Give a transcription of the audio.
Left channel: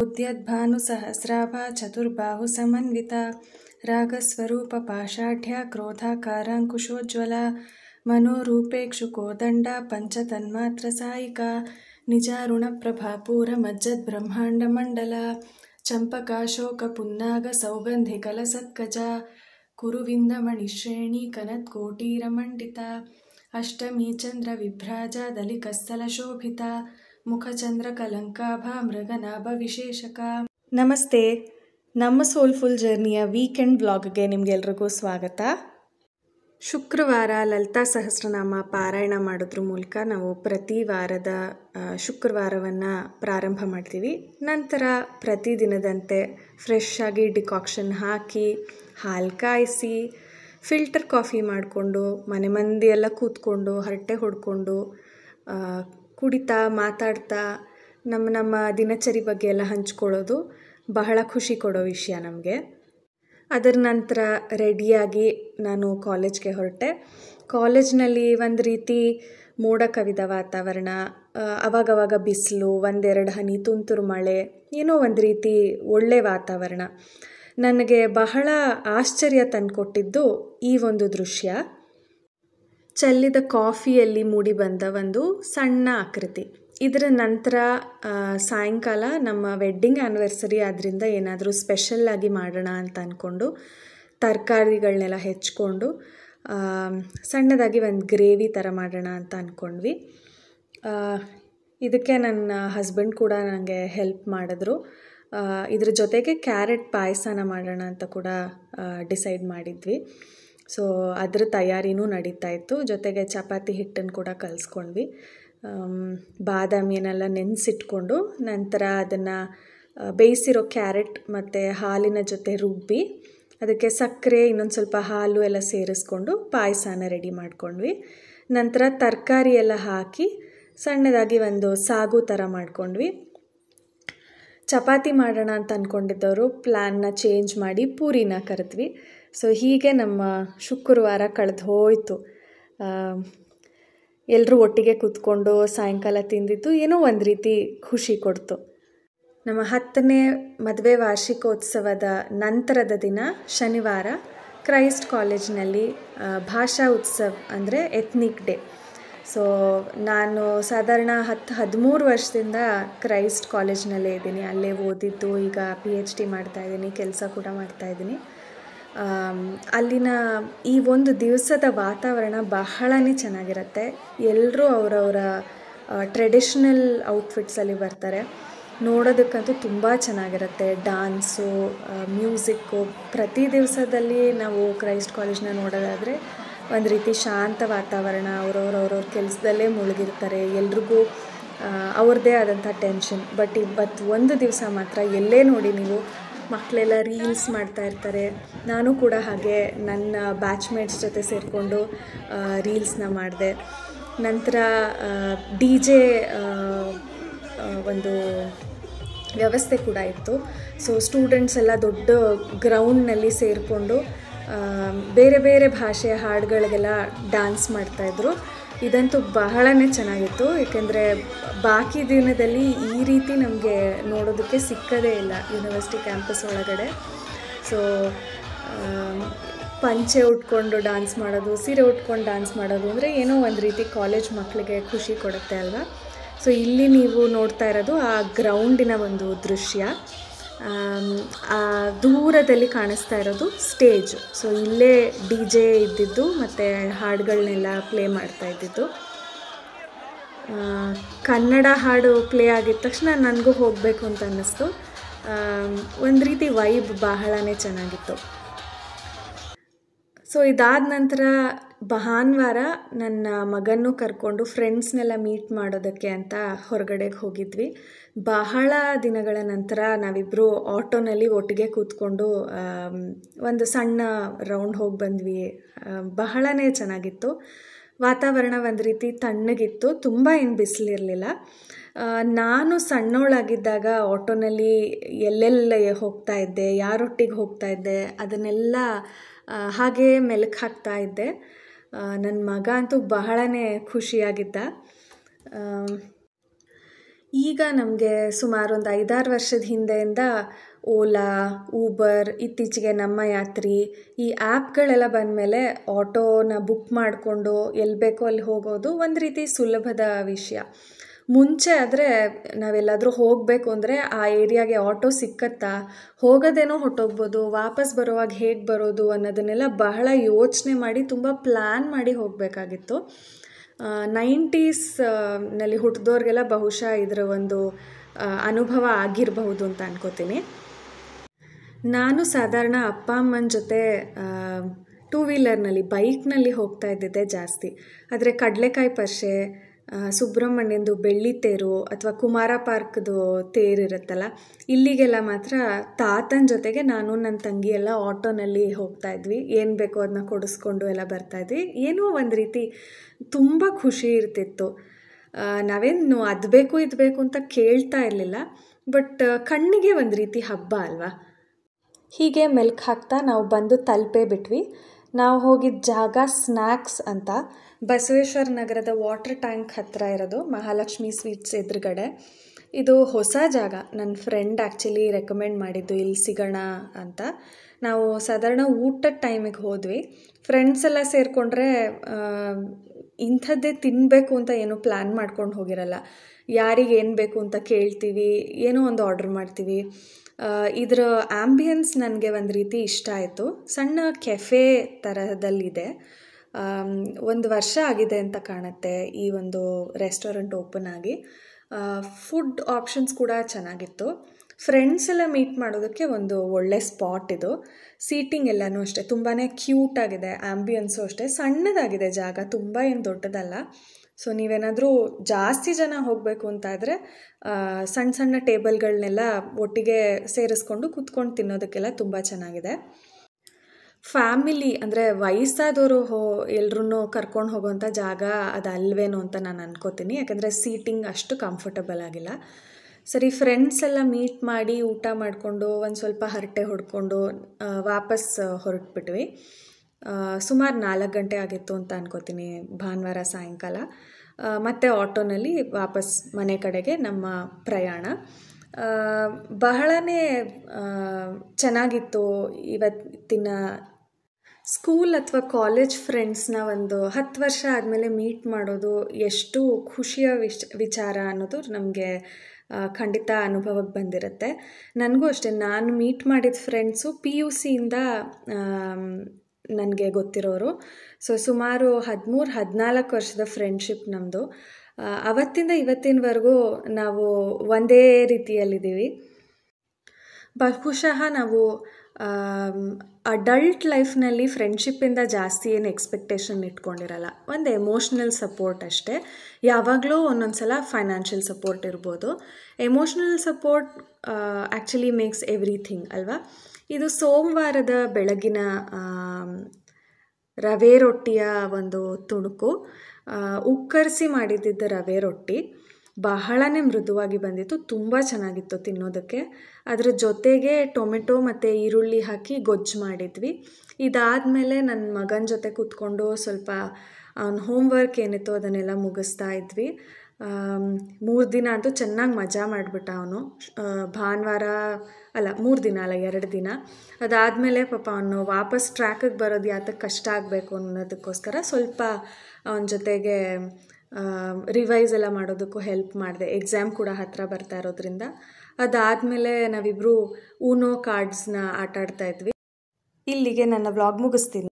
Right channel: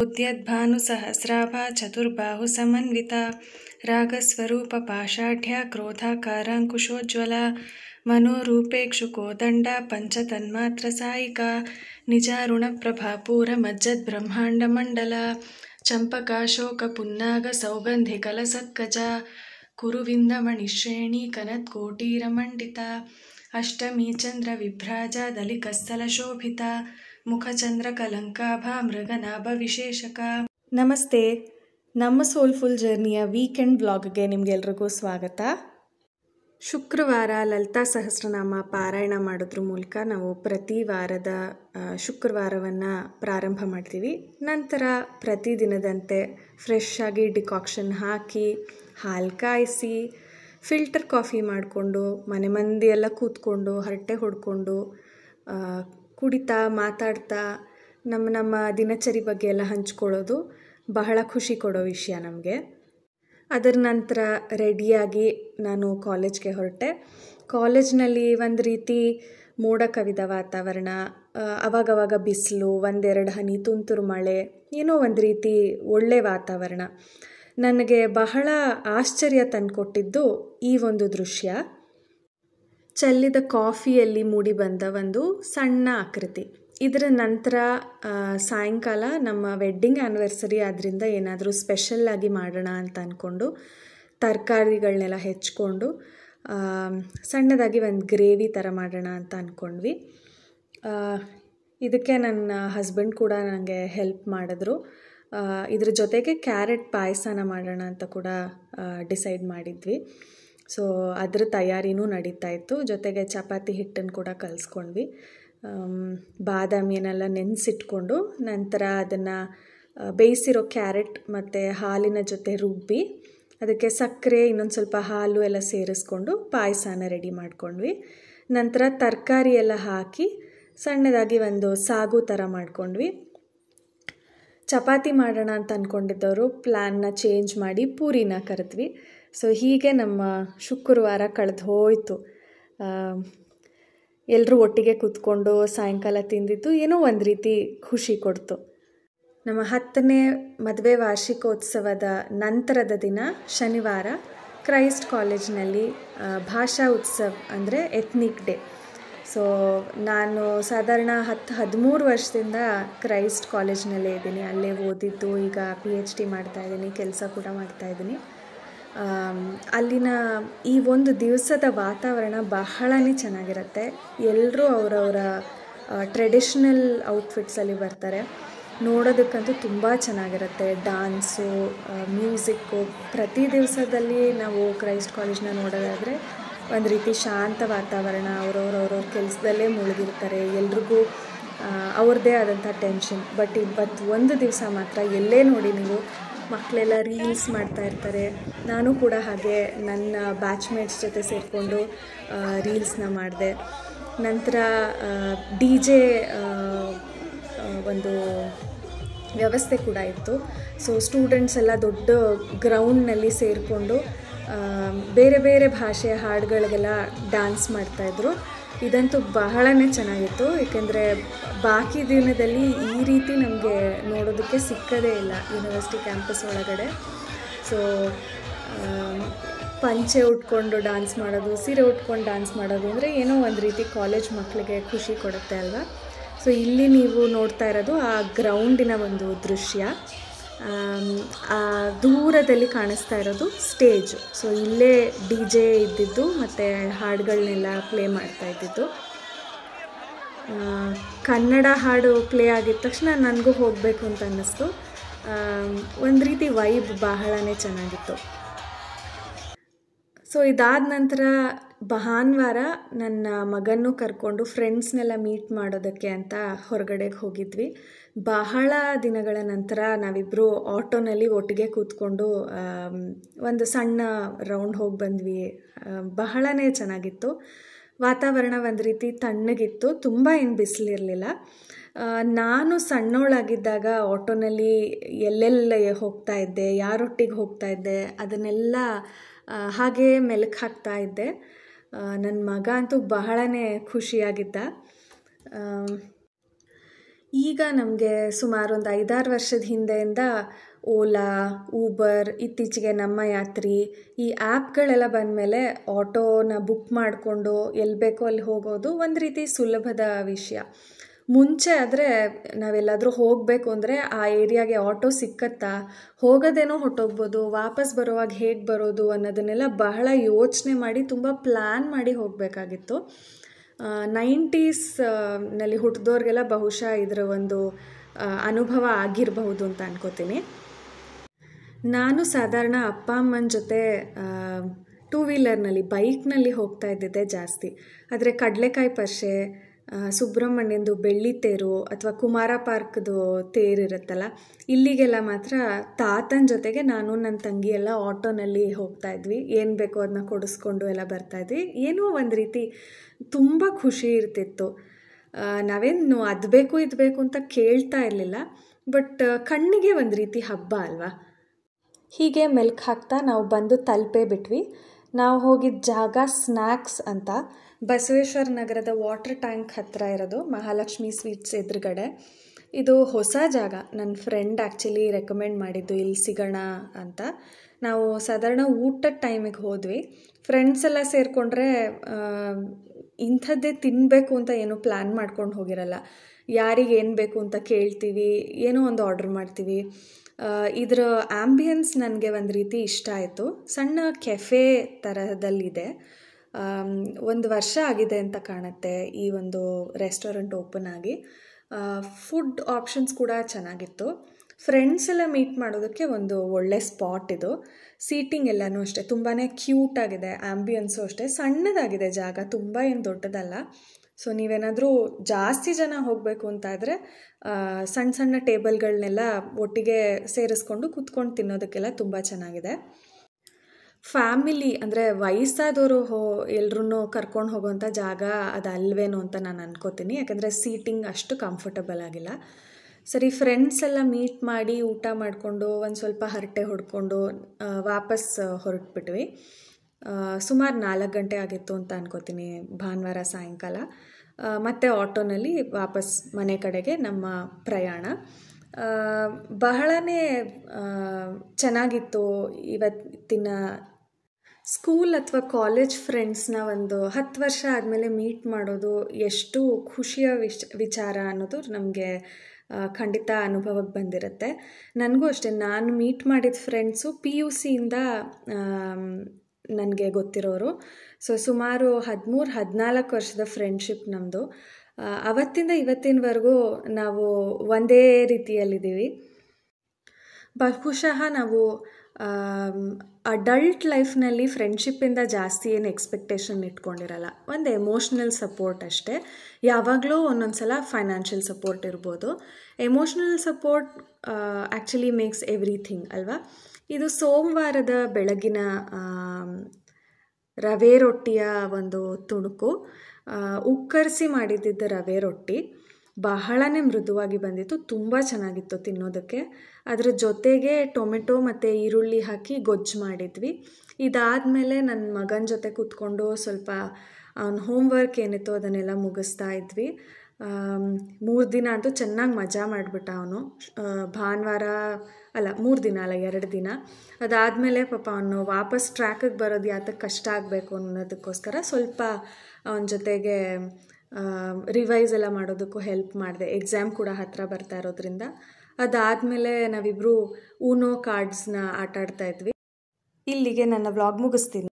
उद्यद्भानुसहस्राभा चतुर्बाहुसमन्विता रागस्वरूपपाषाढ्या क्रोधाकाराङ्कुशोज्ज्वला मनोरूपेक्षुकोदण्डा पञ्चतन्मात्रसायिका निजारुणप्रभापूरमज्जद्ब्रह्माण्डमण्डला चम्पकाशोकपुन्नागसौगन्धिकलसत्कजा कुरुविन्दमणिश्रेणी कनत्कोटीरमण्डिता अष्टमी चन्द्रविभ्राजा दलिकस्थलशोभिता ಮುಖಚಂದ್ರಕಲಂಕಾಭಾ ಮೃಗನಾಭ ವಿಶೇಷಕ. ನಮಸ್ತೆ, ನಮ್ಮ soulful ಜರ್ನಿಯ weekend ವ್ಲಾಗ್ಗೆ ನಿಮಗೆಲ್ರಿಗೂ ಸ್ವಾಗತ. ಶುಕ್ರವಾರ ಲಲಿತಾ ಸಹಸ್ರನಾಮ ಪಾರಾಯಣ ಮಾಡೋದ್ರ ಮೂಲಕ ನಾವು ಪ್ರತಿ ವಾರದ ಶುಕ್ರವಾರವನ್ನು ಪ್ರಾರಂಭ ಮಾಡ್ತೀವಿ. ನಂತರ ಪ್ರತಿದಿನದಂತೆ ಫ್ರೆಶ್ ಆಗಿ ಡಿಕಾಕ್ಷನ್ ಹಾಕಿ ಹಾಲು ಕಾಯಿಸಿ ಫಿಲ್ಟರ್ ಕಾಫಿ ಮಾಡಿಕೊಂಡು ಮನೆ ಮಂದಿ ಎಲ್ಲ ಕೂತ್ಕೊಂಡು ಹರಟೆ ಹೊಡ್ಕೊಂಡು ಕುಡಿತಾ ಮಾತಾಡ್ತಾ ನಮ್ಮ ದಿನಚರಿ ಬಗ್ಗೆ ಎಲ್ಲ ಹಂಚ್ಕೊಳ್ಳೋದು ಬಹಳ ಖುಷಿ ಕೊಡೋ ವಿಷಯ ನಮಗೆ. ಅದರ ನಂತರ ರೆಡಿಯಾಗಿ ನಾನು ಕಾಲೇಜ್ಗೆ ಹೊರಟೆ. ಕಾಲೇಜ್ನಲ್ಲಿ ಒಂದು ರೀತಿ ಮೋಡ ಕವಿದ ವಾತಾವರಣ, ಅವಾಗವಾಗ ಬಿಸಿಲು, ಒಂದೆರಡು ಹನಿ ತುಂತುರು ಮಳೆ, ಏನೋ ಒಂದು ರೀತಿ ಒಳ್ಳೆ ವಾತಾವರಣ. ನನಗೆ ಬಹಳ ಆಶ್ಚರ್ಯ ತಂದುಕೊಟ್ಟಿದ್ದು ಈ ಒಂದು ದೃಶ್ಯ. ಚೆಲ್ಲಿದ ಕಾಫಿಯಲ್ಲಿ ಮೂಡಿ ಬಂದ ಒಂದು ಸಣ್ಣ ಆಕೃತಿ. ಇದರ ನಂತರ ಸಾಯಂಕಾಲ ನಮ್ಮ ವೆಡ್ಡಿಂಗ್ ಆ್ಯನಿವರ್ಸರಿ, ಆದ್ದರಿಂದ ಏನಾದರೂ ಸ್ಪೆಷಲ್ಲಾಗಿ ಮಾಡೋಣ ಅಂತ ಅಂದ್ಕೊಂಡು ತರಕಾರಿಗಳನ್ನೆಲ್ಲ ಹೆಚ್ಕೊಂಡು ಸಣ್ಣದಾಗಿ ಒಂದು ಗ್ರೇವಿ ಥರ ಮಾಡೋಣ ಅಂತ ಅಂದ್ಕೊಂಡ್ವಿ. ಇದಕ್ಕೆ ನನ್ನ ಹಸ್ಬೆಂಡ್ ಕೂಡ ನನಗೆ ಹೆಲ್ಪ್ ಮಾಡಿದ್ರು. ಇದ್ರ ಜೊತೆಗೆ ಕ್ಯಾರೆಟ್ ಪಾಯಸನ ಮಾಡೋಣ ಅಂತ ಕೂಡ ಡಿಸೈಡ್ ಮಾಡಿದ್ವಿ. ಸೊ ಅದರ ತಯಾರಿನೂ ನಡೀತಾ ಇತ್ತು. ಜೊತೆಗೆ ಚಪಾತಿ ಹಿಟ್ಟನ್ನು ಕೂಡ ಕಲಿಸ್ಕೊಂಡ್ವಿ. ಬಾದಾಮಿಯನ್ನೆಲ್ಲ ನೆನೆಸಿಟ್ಕೊಂಡು ನಂತರ ಅದನ್ನು ಬೇಯಿಸಿರೋ ಕ್ಯಾರೆಟ್ ಮತ್ತು ಹಾಲಿನ ಜೊತೆ ರುಬ್ಬಿ ಅದಕ್ಕೆ ಸಕ್ಕರೆ, ಇನ್ನೊಂದು ಸ್ವಲ್ಪ ಹಾಲು ಎಲ್ಲ ಸೇರಿಸ್ಕೊಂಡು ಪಾಯಸನ ರೆಡಿ ಮಾಡ್ಕೊಂಡ್ವಿ. ನಂತರ ತರಕಾರಿ ಎಲ್ಲ ಹಾಕಿ ಸಣ್ಣದಾಗಿ ಒಂದು ಸಾಗು ಥರ ಮಾಡ್ಕೊಂಡ್ವಿ. ಚಪಾತಿ ಮಾಡೋಣ ಅಂತ ಅಂದ್ಕೊಂಡಿದ್ದವರು ಪ್ಲ್ಯಾನ್ನ ಚೇಂಜ್ ಮಾಡಿ ಪೂರಿನ ಕರೆದ್ವಿ. ಸೊ ಹೀಗೆ ನಮ್ಮ ಶುಕ್ರವಾರ ಕಳೆದು ಹೋಯಿತು. ಎಲ್ಲರೂ ಒಟ್ಟಿಗೆ ಕೂತ್ಕೊಂಡು ಸಾಯಂಕಾಲ ತಿಂದಿದ್ದು ಏನೋ ಒಂದು ರೀತಿ ಖುಷಿ ಕೊಡ್ತು. ನಮ್ಮ 10ನೇ ಮದುವೆ ವಾರ್ಷಿಕೋತ್ಸವದ ನಂತರದ ದಿನ ಶನಿವಾರ ಕ್ರೈಸ್ಟ್ ಕಾಲೇಜಿನಲ್ಲಿ ಭಾಷಾ ಉತ್ಸವ ಅಂದರೆ ಎಥ್ನಿಕ್ ಡೇ. ಸೊ ನಾನು ಸಾಧಾರಣ 13 ವರ್ಷದಿಂದ ಕ್ರೈಸ್ಟ್ ಕಾಲೇಜ್ನಲ್ಲೇ ಇದ್ದೀನಿ. ಅಲ್ಲೇ ಓದಿದ್ದು, ಈಗ PhD ಮಾಡ್ತಾಯಿದ್ದೀನಿ, ಕೆಲಸ ಕೂಡ ಮಾಡ್ತಾಯಿದ್ದೀನಿ. ಅಲ್ಲಿನ ಈ ಒಂದು ದಿವಸದ ವಾತಾವರಣ ಬಹಳನೇ ಚೆನ್ನಾಗಿರುತ್ತೆ. ಎಲ್ಲರೂ ಅವರವರ ಟ್ರೆಡಿಷ್ನಲ್ ಔಟ್ಫಿಟ್ಸಲ್ಲಿ ಬರ್ತಾರೆ. ನೋಡೋದಕ್ಕಂತೂ ತುಂಬ ಚೆನ್ನಾಗಿರುತ್ತೆ. Dance, music. ಪ್ರತಿ ದಿವಸದಲ್ಲಿ ನಾವು ಕ್ರೈಸ್ಟ್ ಕಾಲೇಜ್ನ ನೋಡೋದಾದರೆ ಒಂದು ರೀತಿ ಶಾಂತ ವಾತಾವರಣ. ಅವ್ರವ್ರ ಕೆಲಸದಲ್ಲೇ ಮುಳುಗಿರ್ತಾರೆ. ಎಲ್ರಿಗೂ ಅವ್ರದ್ದೇ ಆದಂಥ ಟೆನ್ಷನ್. ಬಟ್ ಇವತ್ತು ಒಂದು ದಿವಸ ಮಾತ್ರ ಎಲ್ಲೇ ನೋಡಿ ನೀವು ಮಕ್ಕಳೆಲ್ಲ ರೀಲ್ಸ್ ಮಾಡ್ತಾ ಇರ್ತಾರೆ. ನಾನು ಕೂಡ ಹಾಗೆ ನನ್ನ ಬ್ಯಾಚ್ಮೇಟ್ಸ್ ಜೊತೆ ಸೇರಿಕೊಂಡು ರೀಲ್ಸ್ನ ಮಾಡಿದೆ. ನಂತರ DJ ಒಂದು ವ್ಯವಸ್ಥೆ ಕೂಡ ಇತ್ತು. ಸೊ ಸ್ಟೂಡೆಂಟ್ಸ್ ಎಲ್ಲ ದೊಡ್ಡ ಗ್ರೌಂಡ್ನಲ್ಲಿ ಸೇರಿಕೊಂಡು ಬೇರೆ ಬೇರೆ ಭಾಷೆಯ ಹಾಡುಗಳಿಗೆಲ್ಲ ಡ್ಯಾನ್ಸ್ ಮಾಡ್ತಾಯಿದ್ರು. ಇದಂತೂ ಬಹಳನೇ ಚೆನ್ನಾಗಿತ್ತು. ಏಕೆಂದರೆ ಬಾಕಿ ದಿನದಲ್ಲಿ ಈ ರೀತಿ ನಮಗೆ ನೋಡೋದಕ್ಕೆ ಸಿಕ್ಕದೇ ಇಲ್ಲ ಯೂನಿವರ್ಸಿಟಿ ಕ್ಯಾಂಪಸ್ ಒಳಗಡೆ. ಸೊ ಪಂಚೆ ಉಟ್ಕೊಂಡು ಡ್ಯಾನ್ಸ್ ಮಾಡೋದು, ಸೀರೆ ಉಟ್ಕೊಂಡು ಡ್ಯಾನ್ಸ್ ಮಾಡೋದು ಅಂದರೆ ಏನೋ ಒಂದು ರೀತಿ ಕಾಲೇಜ್ ಮಕ್ಕಳಿಗೆ ಖುಷಿ ಕೊಡುತ್ತೆ ಅಲ್ವಾ. ಸೊ ಇಲ್ಲಿ ನೀವು ನೋಡ್ತಾ ಇರೋದು ಆ ಗ್ರೌಂಡಿನ ಒಂದು ದೃಶ್ಯ. ಆ ದೂರದಲ್ಲಿ ಕಾಣಿಸ್ತಾ ಇರೋದು ಸ್ಟೇಜ್. ಸೊ ಇಲ್ಲೇ DJ ಇದ್ದಿದ್ದು ಮತ್ತು ಹಾಡುಗಳನ್ನೆಲ್ಲ ಪ್ಲೇ ಮಾಡ್ತಾ ಇದ್ದಿದ್ದು. ಕನ್ನಡ ಹಾಡು ಪ್ಲೇ ಆಗಿದ ತಕ್ಷಣ ನನಗೂ ಹೋಗಬೇಕು ಅಂತ ಅನ್ನಿಸ್ತು. ಒಂದು ರೀತಿ ವೈಬ್ ಬಹಳನೇ ಚೆನ್ನಾಗಿತ್ತು. ಸೊ ಇದಾದ ನಂತರ ಭಾನುವಾರ ನನ್ನ ಮಗನೂ ಕರ್ಕೊಂಡು ಫ್ರೆಂಡ್ಸ್ನೆಲ್ಲ ಮೀಟ್ ಮಾಡೋದಕ್ಕೆ ಅಂತ ಹೊರಗಡೆಗೆ ಹೋಗಿದ್ವಿ. ಬಹಳ ದಿನಗಳ ನಂತರ ನಾವಿಬ್ಬರು ಆಟೋನಲ್ಲಿ ಒಟ್ಟಿಗೆ ಕೂತ್ಕೊಂಡು ಒಂದು ಸಣ್ಣ ರೌಂಡ್ ಹೋಗಿ ಬಂದ್ವಿ. ಬಹಳನೇ ಚೆನ್ನಾಗಿತ್ತು. ವಾತಾವರಣ ಒಂದು ರೀತಿ ತಣ್ಣಗಿತ್ತು, ತುಂಬ ಏನು ಬಿಸಿಲಿರಲಿಲ್ಲ. ನಾನು ಸಣ್ಣವಳಾಗಿದ್ದಾಗ ಆಟೋನಲ್ಲಿ ಎಲ್ಲೆಲ್ಲ ಹೋಗ್ತಾ ಇದ್ದೆ, ಯಾರೊಟ್ಟಿಗೆ ಹೋಗ್ತಾ ಇದ್ದೆ ಅದನ್ನೆಲ್ಲ ಹಾಗೇ ಮೆಲುಕು ಹಾಕ್ತಾ ಇದ್ದೆ. ನನ್ನ ಮಗ ಅಂತೂ ಬಹಳನೇ ಖುಷಿಯಾಗಿದ್ದ. ಈಗ ನಮಗೆ ಸುಮಾರು ಒಂದು 5-6 ವರ್ಷದ ಹಿಂದೆಯಿಂದ ಓಲಾ, ಊಬರ್, ಇತ್ತೀಚೆಗೆ ನಮ್ಮ ಯಾತ್ರಿ ಈ ಆ್ಯಪ್ಗಳೆಲ್ಲ ಬಂದಮೇಲೆ ಆಟೋನ ಬುಕ್ ಮಾಡಿಕೊಂಡು ಎಲ್ಲಿ ಬೇಕೋ ಅಲ್ಲಿ ಹೋಗೋದು ಒಂದು ರೀತಿ ಸುಲಭದ ವಿಷಯ. ಮುಂಚೆ ಆದರೆ ನಾವೆಲ್ಲಾದರೂ ಹೋಗಬೇಕು ಅಂದರೆ ಆ ಏರಿಯಾಗೆ ಆಟೋ ಸಿಕ್ಕತ್ತಾ, ಹೋಗೋದೇನೋ ಹೊಟ್ಟೋಗ್ಬೋದು, ವಾಪಸ್ ಬರೋವಾಗ ಹೇಗೆ ಬರೋದು ಅನ್ನೋದನ್ನೆಲ್ಲ ಬಹಳ ಯೋಚನೆ ಮಾಡಿ ತುಂಬ ಪ್ಲ್ಯಾನ್ ಮಾಡಿ ಹೋಗಬೇಕಾಗಿತ್ತು. 90s ನಲ್ಲಿ ಹುಟ್ಟಿದವ್ರಿಗೆಲ್ಲ ಬಹುಶಃ ಇದರ ಒಂದು ಅನುಭವ ಆಗಿರಬಹುದು ಅಂತ ಅನ್ಕೋತೀನಿ. ನಾನು ಸಾಧಾರಣ ಅಪ್ಪ ಅಮ್ಮನ ಜೊತೆ 2 ವೀಲರ್ನಲ್ಲಿ ಬೈಕ್ನಲ್ಲಿ ಹೋಗ್ತಾ ಇದ್ದಿದ್ದೆ ಜಾಸ್ತಿ. ಆದರೆ ಕಡಲೆಕಾಯಿ ಪರಿಷೆ, ಸುಬ್ರಹ್ಮಣ್ಯಂದು ಬೆಳ್ಳಿ ತೇರು ಅಥವಾ ಕುಮಾರ ಪಾರ್ಕ್ದು ತೇರಿರುತ್ತಲ್ಲ, ಇಲ್ಲಿಗೆಲ್ಲ ಮಾತ್ರ ತಾತನ ಜೊತೆಗೆ ನಾನು ನನ್ನ ತಂಗಿ ಎಲ್ಲ ಆಟೋನಲ್ಲಿ ಹೋಗ್ತಾ ಇದ್ವಿ. ಏನು ಬೇಕೋ ಅದನ್ನ ಕೊಡಿಸ್ಕೊಂಡು ಎಲ್ಲ ಬರ್ತಾಯಿದ್ವಿ. ಏನೋ ಒಂದು ರೀತಿ ತುಂಬ ಖುಷಿ ಇರ್ತಿತ್ತು. ನಾವೇನು ಅದು ಬೇಕು ಇದು ಬೇಕು ಅಂತ ಕೇಳ್ತಾ ಇರಲಿಲ್ಲ, ಬಟ್ ಕಣ್ಣಿಗೆ ಒಂದು ರೀತಿ ಹಬ್ಬ ಅಲ್ವಾ. ಹೀಗೆ ಮೆಲ್ಕ್ ಹಾಕ್ತಾ ನಾವು ಬಂದು ತಲುಪೇ ಬಿಟ್ವಿ. ನಾವು ಹೋಗಿದ್ದ ಜಾಗ ಸ್ನ್ಯಾಕ್ಸ್ ಅಂತ, ಬಸವೇಶ್ವರ ನಗರದ ವಾಟರ್ ಟ್ಯಾಂಕ್ ಹತ್ತಿರ ಇರೋದು, ಮಹಾಲಕ್ಷ್ಮಿ ಸ್ವೀಟ್ಸ್ ಎದುರುಗಡೆ. ಇದು ಹೊಸ ಜಾಗ, ನನ್ನ ಫ್ರೆಂಡ್ ಆ್ಯಕ್ಚುಲಿ ರೆಕಮೆಂಡ್ ಮಾಡಿದ್ದು ಇಲ್ಲಿ ಸಿಗೋಣ ಅಂತ. ನಾವು ಸಾಧಾರಣ ಊಟದ ಟೈಮಿಗೆ ಹೋದ್ವಿ. ಫ್ರೆಂಡ್ಸ್ ಎಲ್ಲ ಸೇರಿಕೊಂಡ್ರೆ ಇಂಥದ್ದೇ ತಿನ್ನಬೇಕು ಅಂತ ಏನೂ ಪ್ಲ್ಯಾನ್ ಮಾಡ್ಕೊಂಡು ಹೋಗಿರಲ್ಲ. ಯಾರಿಗೆ ಏನು ಬೇಕು ಅಂತ ಕೇಳ್ತೀವಿ, ಏನೋ ಒಂದು ಆರ್ಡ್ರ್ ಮಾಡ್ತೀವಿ. ಇದರ ಆ್ಯಂಬಿಯನ್ಸ್ ನನಗೆ ಒಂದು ರೀತಿ ಇಷ್ಟ ಆಯಿತು. ಸಣ್ಣ ಕೆಫೆ ತರಹದಲ್ಲಿದೆ. 1 ವರ್ಷ ಆಗಿದೆ ಅಂತ ಕಾಣುತ್ತೆ ಈ ಒಂದು ರೆಸ್ಟೋರೆಂಟ್ ಓಪನ್ ಆಗಿ. ಫುಡ್ ಆಪ್ಷನ್ಸ್ ಕೂಡ ಚೆನ್ನಾಗಿತ್ತು. ಫ್ರೆಂಡ್ಸ್ ಎಲ್ಲ ಮೀಟ್ ಮಾಡೋದಕ್ಕೆ ಒಂದು ಒಳ್ಳೆ ಸ್ಪಾಟ್ ಇದು. ಸೀಟಿಂಗ್ ಎಲ್ಲನೂ ಅಷ್ಟೇ ತುಂಬಾ ಕ್ಯೂಟ್ ಆಗಿದೆ. ಆ್ಯಂಬಿಯನ್ಸು ಅಷ್ಟೇ ಸಣ್ಣದಾಗಿದೆ ಜಾಗ, ತುಂಬ ಏನು ದೊಡ್ಡದಲ್ಲ. ಸೊ ನೀವೇನಾದರೂ ಜಾಸ್ತಿ ಜನ ಹೋಗಬೇಕು ಅಂತ ಆದರೆ ಸಣ್ಣ ಸಣ್ಣ ಟೇಬಲ್ಗಳನ್ನೆಲ್ಲ ಒಟ್ಟಿಗೆ ಸೇರಿಸ್ಕೊಂಡು ಕೂತ್ಕೊಂಡು ತಿನ್ನೋದಕ್ಕೆಲ್ಲ ತುಂಬ ಚೆನ್ನಾಗಿದೆ. ಫ್ಯಾಮಿಲಿ ಅಂದರೆ ವಯಸ್ಸಾದವರು ಎಲ್ಲರೂ ಕರ್ಕೊಂಡು ಹೋಗೋವಂಥ ಜಾಗ ಅದು ಅಲ್ವೇನೋ ಅಂತ ನಾನು ಅನ್ಕೋತೀನಿ. ಯಾಕಂದರೆ ಸೀಟಿಂಗ್ ಅಷ್ಟು ಕಂಫರ್ಟಬಲ್ ಆಗಿಲ್ಲ. ಸರಿ, ಫ್ರೆಂಡ್ಸ್ ಎಲ್ಲ ಮೀಟ್ ಮಾಡಿ ಊಟ ಮಾಡಿಕೊಂಡು ಒಂದು ಸ್ವಲ್ಪ ಹರಟೆ ಹೊಡ್ಕೊಂಡು ವಾಪಸ್ ಹೊರಟ್ಬಿಟ್ವಿ. ಸುಮಾರು 4 ಗಂಟೆ ಆಗಿತ್ತು ಅಂತ ಅನ್ಕೋತೀನಿ, ಭಾನುವಾರ ಸಾಯಂಕಾಲ. ಮತ್ತು ಆಟೋನಲ್ಲಿ ವಾಪಸ್ ಮನೆ ಕಡೆಗೆ ನಮ್ಮ ಪ್ರಯಾಣ. ಬಹಳನೇ ಚೆನ್ನಾಗಿತ್ತು. ಇವತ್ತಿನ ಸ್ಕೂಲ್ ಅಥವಾ ಕಾಲೇಜ್ ಫ್ರೆಂಡ್ಸ್ನ ಒಂದು 10 ವರ್ಷ ಆದಮೇಲೆ ಮೀಟ್ ಮಾಡೋದು ಎಷ್ಟು ಖುಷಿಯ ವಿಚಾರ ಅನ್ನೋದು ನಮಗೆ ಖಂಡಿತ ಅನುಭವಕ್ಕೆ ಬಂದಿರುತ್ತೆ. ನನಗೂ ಅಷ್ಟೇ, ನಾನು ಮೀಟ್ ಮಾಡಿದ ಫ್ರೆಂಡ್ಸು PUCಯಿಂದ ನನಗೆ ಗೊತ್ತಿರೋರು. ಸೊ ಸುಮಾರು 13-14 ವರ್ಷದ ಫ್ರೆಂಡ್ಶಿಪ್ ನಮ್ಮದು. ಅವತ್ತಿಂದ ಇವತ್ತಿನವರೆಗೂ ನಾವು ಒಂದೇ ರೀತಿಯಲ್ಲಿದ್ದೀವಿ. ಬಹುಶಃ ನಾವು ಅಡಲ್ಟ್ ಲೈಫ್ನಲ್ಲಿ ಫ್ರೆಂಡ್ಶಿಪ್ಪಿಂದ ಜಾಸ್ತಿ ಏನು ಎಕ್ಸ್ಪೆಕ್ಟೇಷನ್ ಇಟ್ಕೊಂಡಿರಲ್ಲ. ಒಂದು ಎಮೋಷ್ನಲ್ ಸಪೋರ್ಟ್ ಅಷ್ಟೇ. ಯಾವಾಗಲೂ ಒಂದೊಂದು ಸಲ ಫೈನಾನ್ಷಿಯಲ್ ಸಪೋರ್ಟ್ ಇರ್ಬೋದು. Emotional support actually makes everything ಅಲ್ವಾ. ಇದು ಸೋಮವಾರದ ಬೆಳಗಿನ ರವೆ ರೊಟ್ಟಿಯ ಒಂದು ತುಣುಕು. ಉಕ್ಕರಿಸಿ ಮಾಡಿದ್ದ ರವೆ ರೊಟ್ಟಿ ಬಹಳನೇ ಮೃದುವಾಗಿ ಬಂದಿತ್ತು, ತುಂಬ ಚೆನ್ನಾಗಿತ್ತು ತಿನ್ನೋದಕ್ಕೆ. ಅದರ ಜೊತೆಗೆ ಟೊಮೆಟೊ ಮತ್ತು ಈರುಳ್ಳಿ ಹಾಕಿ ಗೊಜ್ಜು ಮಾಡಿದ್ವಿ. ಇದಾದಮೇಲೆ ನನ್ನ ಮಗನ ಜೊತೆ ಕೂತ್ಕೊಂಡು ಸ್ವಲ್ಪ ಅವನ ಹೋಮ್ವರ್ಕ್ ಏನಿತ್ತು ಅದನ್ನೆಲ್ಲ ಮುಗಿಸ್ತಾ ಇದ್ವಿ. 3 ದಿನ ಅಂತೂ ಚೆನ್ನಾಗಿ ಮಜಾ ಮಾಡಿಬಿಟ್ಟ ಅವನು. ಭಾನುವಾರ ಅಲ್ಲ 3 ದಿನ ಅಲ್ಲ 2 ದಿನ. ಅದಾದಮೇಲೆ ಪಾಪ ಅವನು ವಾಪಸ್ ಟ್ರ್ಯಾಕಿಗೆ ಬರೋದು ಯಾತಕ್ಕೆ ಕಷ್ಟ ಆಗಬೇಕು ಅನ್ನೋದಕ್ಕೋಸ್ಕರ ಸ್ವಲ್ಪ ಅವನ ಜೊತೆಗೆ ರಿವೈಸ್ ಎಲ್ಲ ಮಾಡೋದಕ್ಕೂ ಹೆಲ್ಪ್ ಮಾಡಿದೆ. ಎಕ್ಸಾಮ್ ಕೂಡ ಹತ್ತಿರ ಬರ್ತಾ ಇರೋದ್ರಿಂದ. ಅದಾದಮೇಲೆ ನಾವಿಬ್ಬರು ಊನೋ ಕಾರ್ಡ್ಸ್ನ ಆಟ ಆಡ್ತಾ ಇದ್ವಿ. ಇಲ್ಲಿಗೆ ನನ್ನ ವ್ಲಾಗ್ ಮುಗಿಸ್ತೀನಿ.